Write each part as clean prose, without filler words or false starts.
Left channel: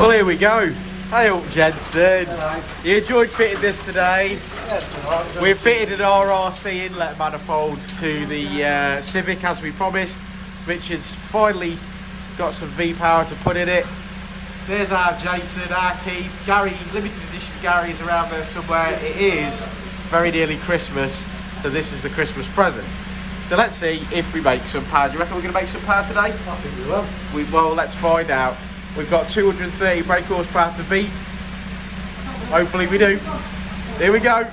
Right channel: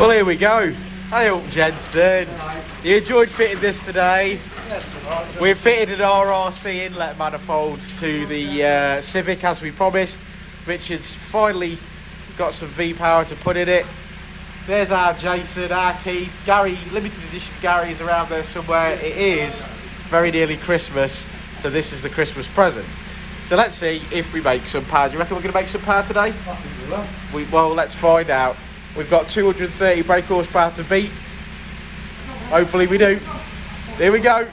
Well, here we go. Hey up, Jensen. You enjoyed fitting this today. We've fitted an RRC inlet manifold to the Civic as we promised. Richard's finally got some V-power to put in it. There's our Jason, our Keith. Gary, limited edition Gary is around there somewhere. It is very nearly Christmas, so this is the Christmas present. So let's see if we make some power. Do you reckon we're going to make some power today? I think we will. Well, let's find out. We've got 230 brake horsepower to beat. Hopefully we do. Here we go.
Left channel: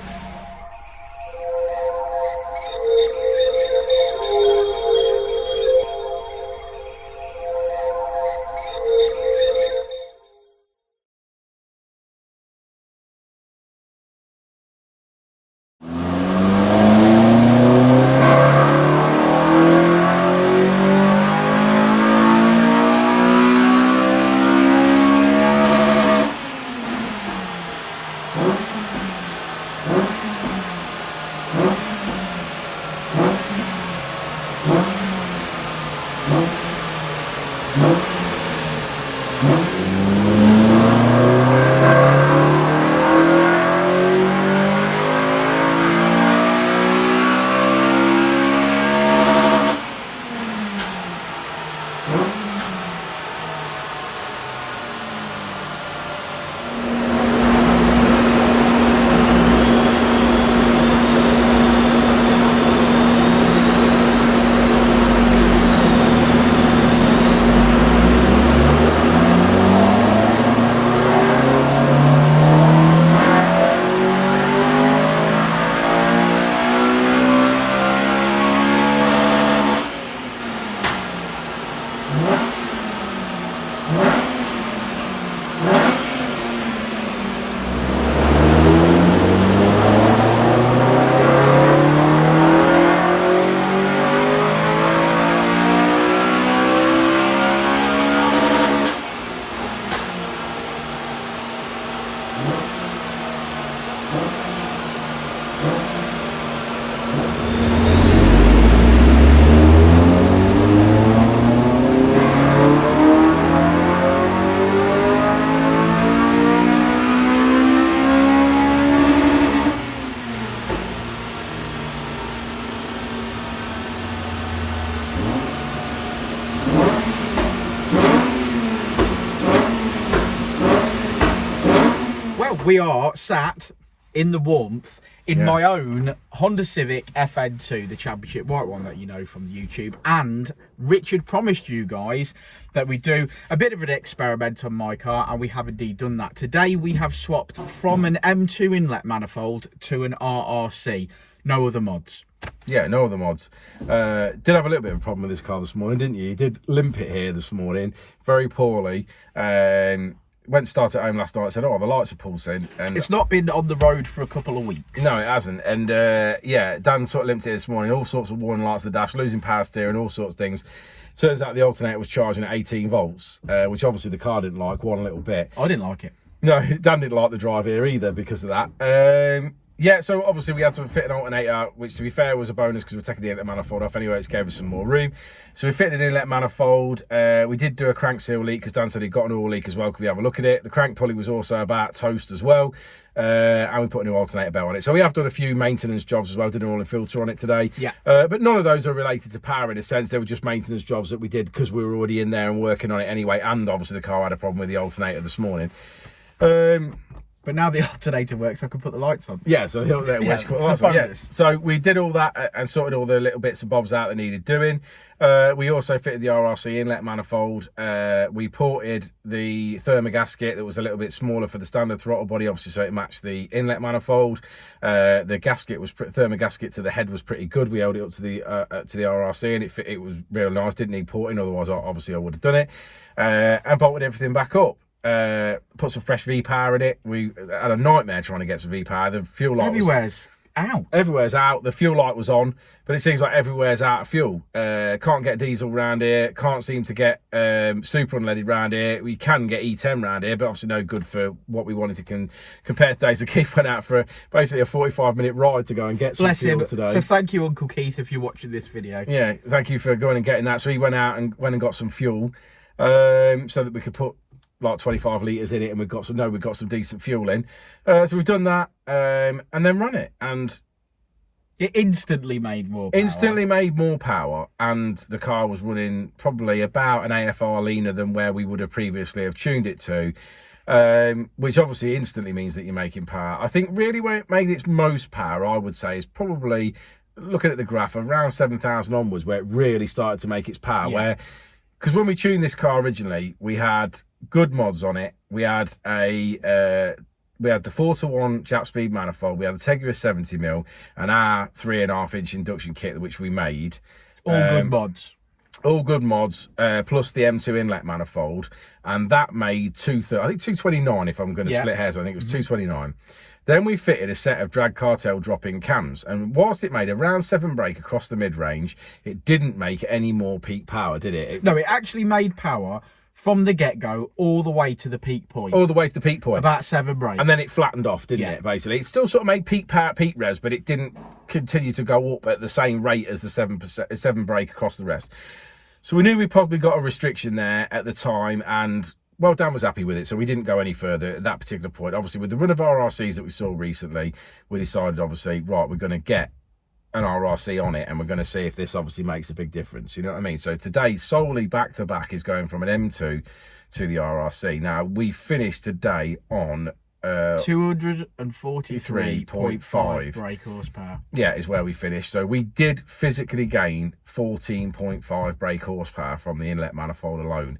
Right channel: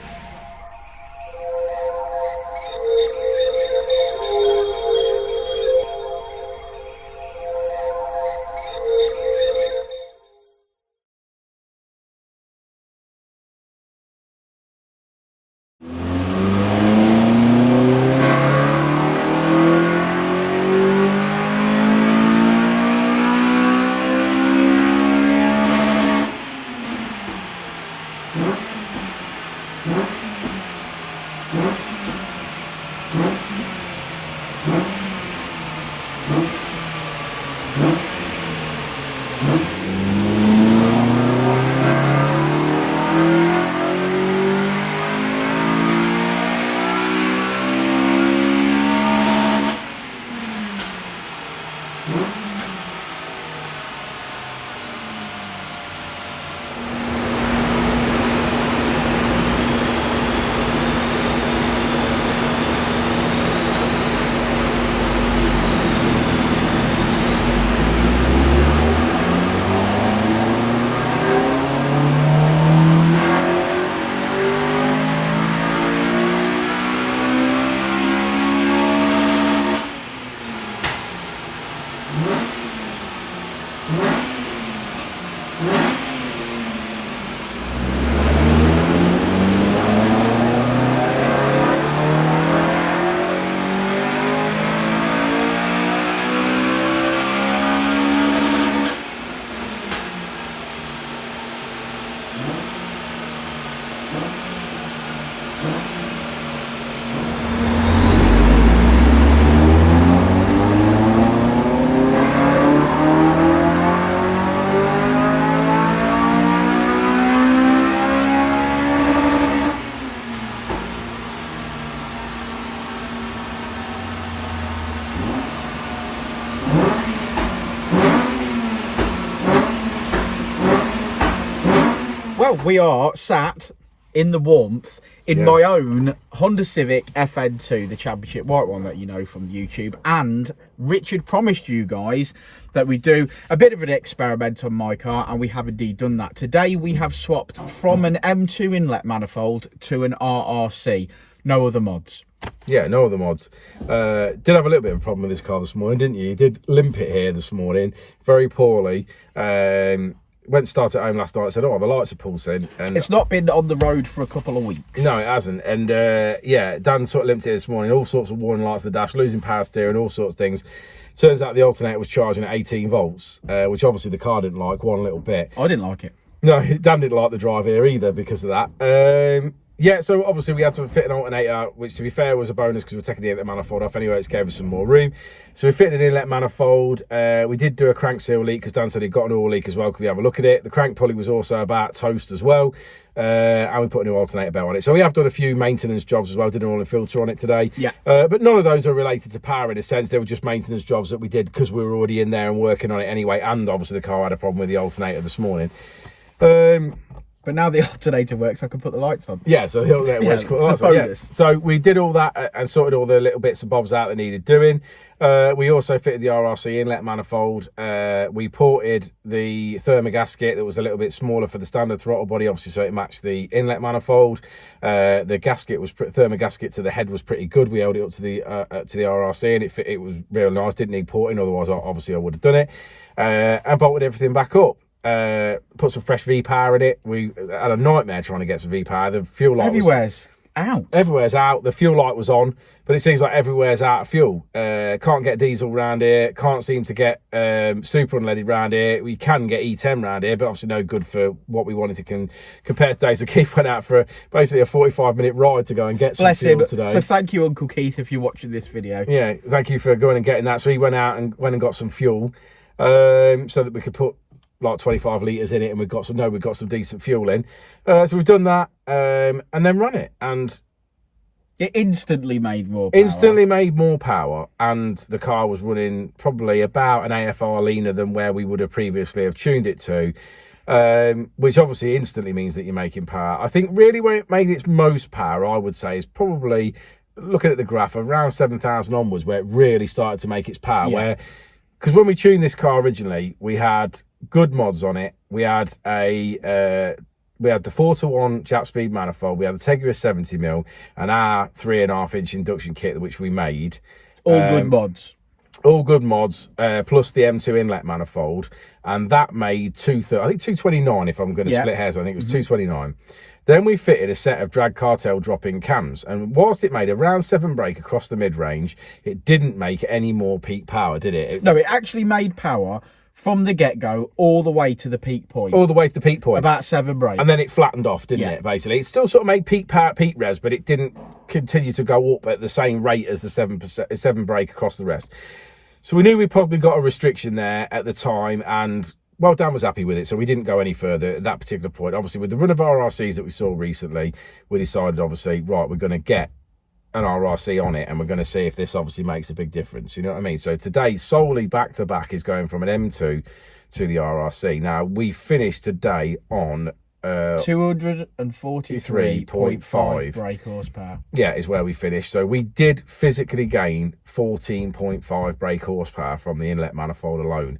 We are sat in the warmth in my own Honda Civic FN2, the championship white one that you know from YouTube. And Richard promised you guys that we do a bit of an experiment on my car, and we have indeed done that. Today we have swapped from an M2 inlet manifold to an RRC. No other mods. Yeah, no other mods. Did have a little bit of a problem with this car this morning, didn't you? You did limp it here this morning very poorly. Went to start at home last night, said, oh, the lights are pulsing. And it's not been on the road for a couple of weeks. No, it hasn't. And yeah, Dan sort of limped it this morning, all sorts of warning lights on the dash, losing power steering, all sorts of things. Turns out the alternator was charging at 18 volts, which obviously the car didn't like one little bit. I didn't like it. No, Dan didn't like the drive here either because of that. Yeah, so obviously we had to fit an alternator, which to be fair was a bonus because we're taking the inlet manifold off anyway, which gave us some more room. So we fitted an inlet manifold. We did do a crank seal leak because Dan said he'd got an oil leak as well. Could we have a look at it? The crank pulley was also about toast as well. And we put a new alternator belt on it. So we have done a few maintenance jobs as well, did an oil and filter on it today. Yeah. But none of those are related to power in a sense. They were just maintenance jobs that we did because we were already in there and working on it anyway. And obviously the car had a problem with the alternator this morning. But now the alternator works, I can put the lights on. Yeah, so the alternator works. Put the lights on. Yeah. So we did all that and sorted all the little bits and bobs out that needed doing. We also fitted the RRC inlet manifold. We ported the thermogasket that was a little bit smaller for the standard throttle body, obviously, so it matched the inlet manifold. The gasket was thermogasket to the head was pretty good. We held it up to the RRC, and it was real nice. Didn't need porting, otherwise obviously I would have done it. And bolted everything back up. Put some fresh V-power in it. We had a nightmare trying to get some V-power. The fuel light everywhere's out. Everywhere's out. The fuel light was on, but it seems like everywhere's out of fuel. Can't get diesel round here. Can't seem to get super unleaded round here. We can get E10 round here, but obviously no good for what we wanted to compare today. So Keith went out for basically a 45-minute ride to go and get some fuel today. So thank you, Uncle Keith, if you're watching this video. Yeah, thank you for going and getting that. So he went out and got some fuel so that we could put like 25 litres in it, and we've got some decent fuel in. So we've done that, and then run it, and it instantly made more power. And the car was running probably about an AFR leaner than where we would have previously have tuned it to, which obviously instantly means that you're making power. I think really where it made its most power, I would say, is probably looking at the graph around 7,000 onwards, where it really started to make its power. Because when we tuned this car originally, we had good mods on it. We had we had the 4-to-1 Jap speed manifold. We had the Tegra 70mm and our 3.5-inch induction kit, which we made. All good mods. All good mods, plus the M2 inlet manifold. And that made 229, if I'm going to split hairs. I think it was 229. Then we fitted a set of drag cartel drop-in cams. And whilst it made around 7 brake across the mid-range, it didn't make any more peak power, did it? No, it actually made power from the get-go all the way to the peak point. All the way to the peak point. About 7 brake. And then it flattened off, didn't it, basically? It still sort of made peak power, peak revs, but it didn't continue to go up at the same rate as the 7 brake across the rest. So we knew we probably got a restriction there at the time, and, well, Dan was happy with it, so we didn't go any further at that particular point. Obviously, with the run of RRCs that we saw recently, we decided, obviously, right, we're going to get an RRC on it, and we're going to see if this obviously makes a big difference. You know what I mean? So today, solely back-to-back is going from an M2 to the RRC. Now, we finished today on 243.5 brake horsepower. Yeah, is where we finished. So we did physically gain 14.5 brake horsepower from the inlet manifold alone.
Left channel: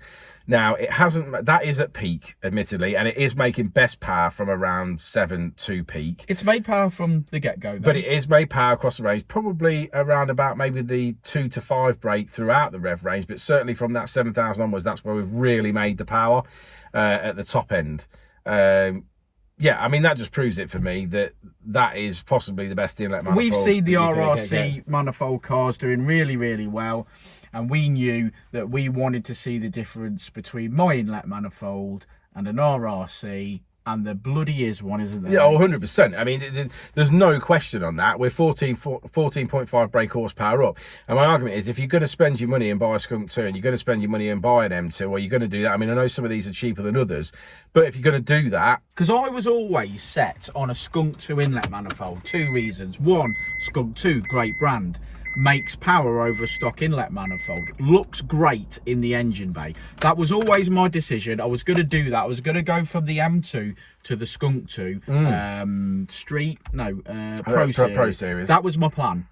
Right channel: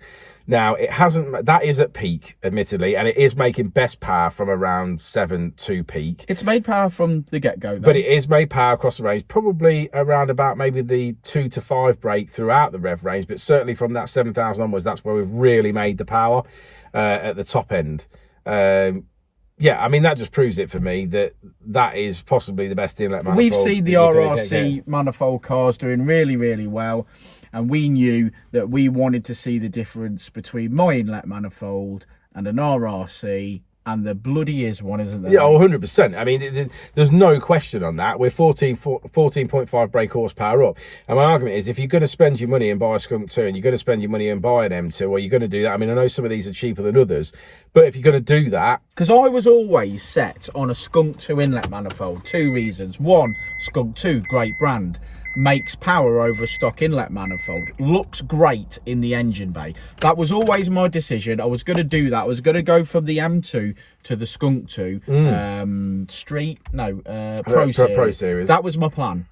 Now, it hasn't, that is at peak, admittedly, and it is making best power from around 7 to peak. It's made power from the get-go, though. But it is made power across the range, probably around about maybe the 2 to 5 brake throughout the rev range, but certainly from that 7,000 onwards, that's where we've really made the power at the top end. Yeah, I mean, that just proves it for me that that is possibly the best inlet manifold. We've seen the RRC manifold cars doing really, really well. And we knew that we wanted to see the difference between my inlet manifold and an RRC, and there bloody is one, isn't there? Yeah, 100%. I mean, there's no question on that. We're 14.5 brake horsepower up. And my argument is, if you're going to spend your money and buy a Skunk 2, and you're going to spend your money and buy an M2, or you're going to do that, I mean, I know some of these are cheaper than others, but if you're going to do that... Because I was always set on a Skunk 2 inlet manifold. 2 reasons. 1, Skunk 2, great brand. Makes power over a stock inlet manifold, looks great in the engine bay. That was always my decision. I was going to do that. I was going to go from the M2 to the Skunk 2 Pro Series. That was my plan.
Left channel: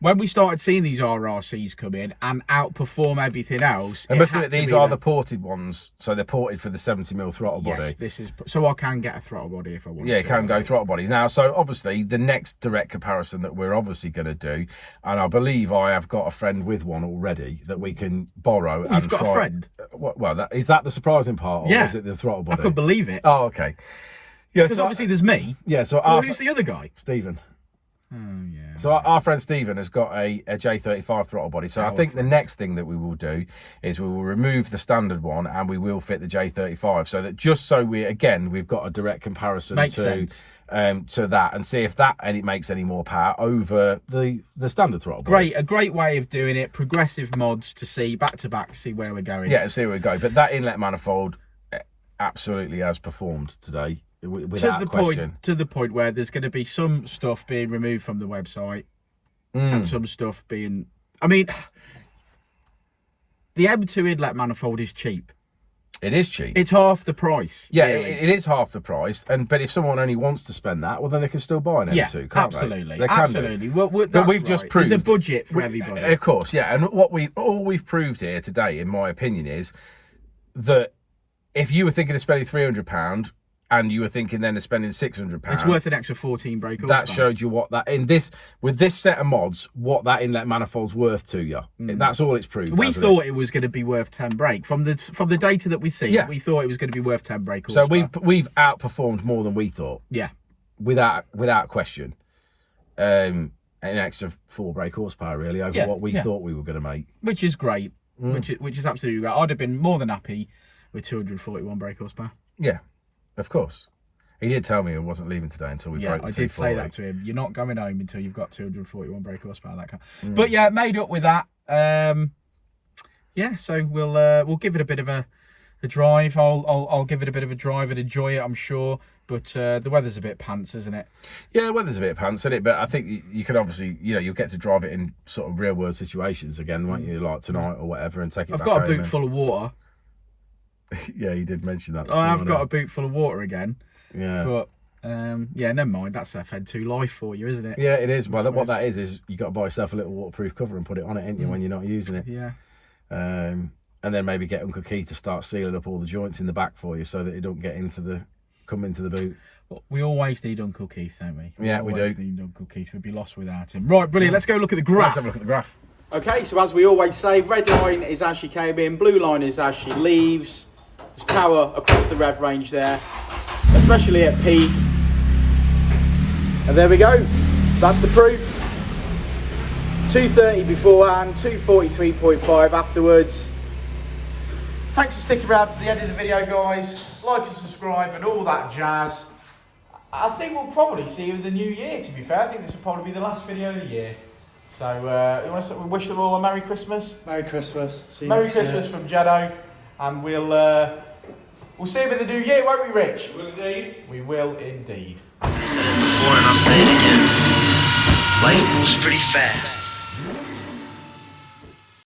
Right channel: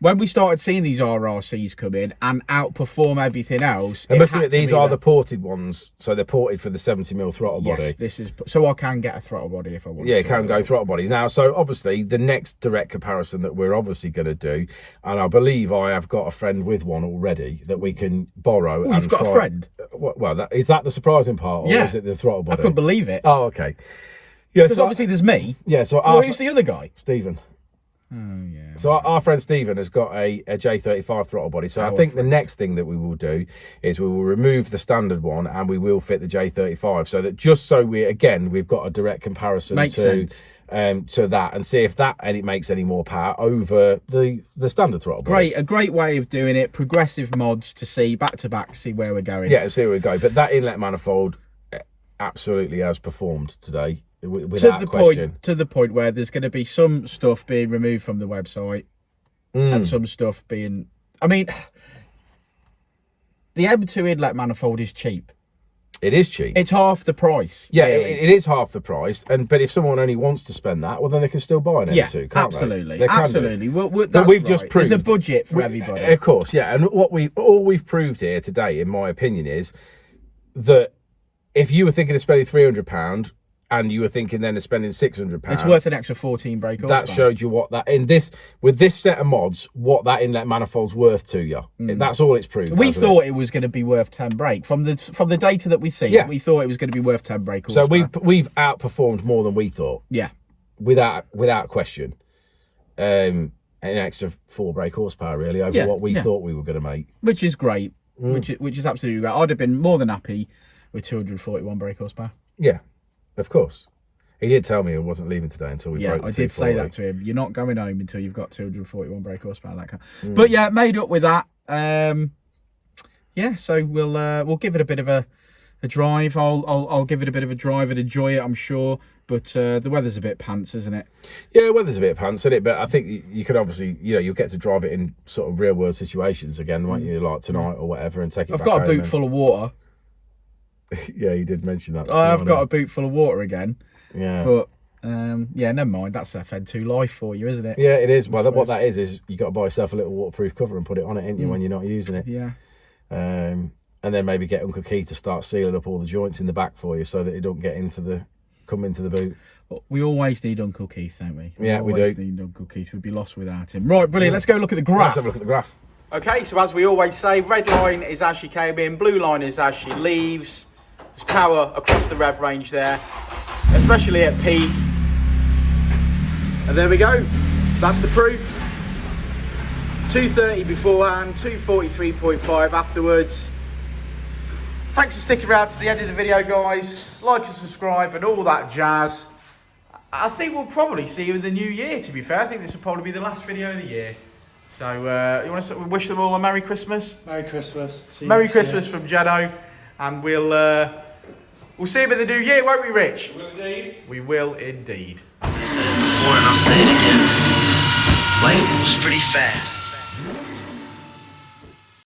When we started seeing these RRCs come in and outperform everything else, and must admit, these are the ported ones, so they're ported for the 70mm throttle body. Yes, this is so I can get a throttle body if I want. Yeah, you can go throttle body now. So obviously, the next direct comparison that we're obviously going to do, and I believe I have got a friend with one already that we can borrow. Oh, you've got a friend? Well, is that the surprising part, or is it the throttle body? I couldn't believe it. Oh, okay. Yeah, because obviously there's me. Yeah, so who's the other guy? Stephen. Oh, yeah. So our friend Stephen has got a J35 throttle body. So I think the next thing that we will do is we will remove the standard one and we will fit the J35, so that we've got a direct comparison to that, and see if it makes any more power over the standard throttle body. A great way of doing it. Progressive mods to see back to back, see where we're going. Yeah, see where we go. But that inlet manifold absolutely has performed today. Without question. To the point where there's going to be some stuff being removed from the website and some stuff being... I mean, the M2 inlet manifold is cheap. It is cheap. It's half the price. Yeah, really. It is half the price. But if someone only wants to spend that, well, then they can still buy an M2, can't absolutely. They can absolutely. Well, but we've just proved... There's a budget for everybody. Of course, yeah. And all we've proved here today, in my opinion, is that if you were thinking of spending £300... and you were thinking then of spending £600, it's worth an extra 14 brake horsepower. That showed you what with this set of mods, what that inlet manifold's worth to you. That's all it's proved. We thought it was going to be worth 10 brake from the data that we see. Yeah. We thought it was going to be worth 10 brake horsepower. So we've outperformed more than we thought. Yeah, without question. An extra 4 brake horsepower really over what we thought we were going to make, which is great. Which is absolutely great. I'd have been more than happy with 241 brake horsepower. Yeah. Of course. He did tell me I wasn't leaving today until we broke the 240. I did say that to him. You're not going home until you've got 241 brake horsepower, that car. But yeah, made up with that. Yeah, so we'll give it a bit of a a drive. I'll give it a bit of a drive and enjoy it, I'm sure. But the weather's a bit pants, isn't it? Yeah, the weather's a bit pants, isn't it? But I think you could obviously, you know, you'll get to drive it in sort of real world situations again, won't you? Like tonight or whatever, and take it back home. I've got a boot full of water. Yeah, you did mention that. I've got a boot full of water again. Yeah. But yeah, never mind. That's FN2 life for you, isn't it? Yeah, it is. Well, what that is you got to buy yourself a little waterproof cover and put it on it, ain't you, when you're not using it? Yeah. And then maybe get Uncle Keith to start sealing up all the joints in the back for you so that it don't get come into the boot. We always need Uncle Keith, don't we? Yeah, we do. Always need Uncle Keith. We'd be lost without him. Right, brilliant. Let's go look at the graph. Let's have a look at the graph. Okay, so as we always say, red line is as she came in, blue line is as she leaves. There's power across the rev range there, especially at peak. And there we go. That's the proof. 230 beforehand, 243.5 afterwards. Thanks for sticking around to the end of the video, guys. Like and subscribe and all that jazz. I think we'll probably see you in the new year, to be fair. I think this will probably be the last video of the year. So, you want to wish them all a Merry Christmas? Merry Christmas. Merry Christmas from Jado. And we'll see him in the new year, won't we, Rich? We will indeed. We will indeed. I said it before and I'll say it again. Life moves pretty fast.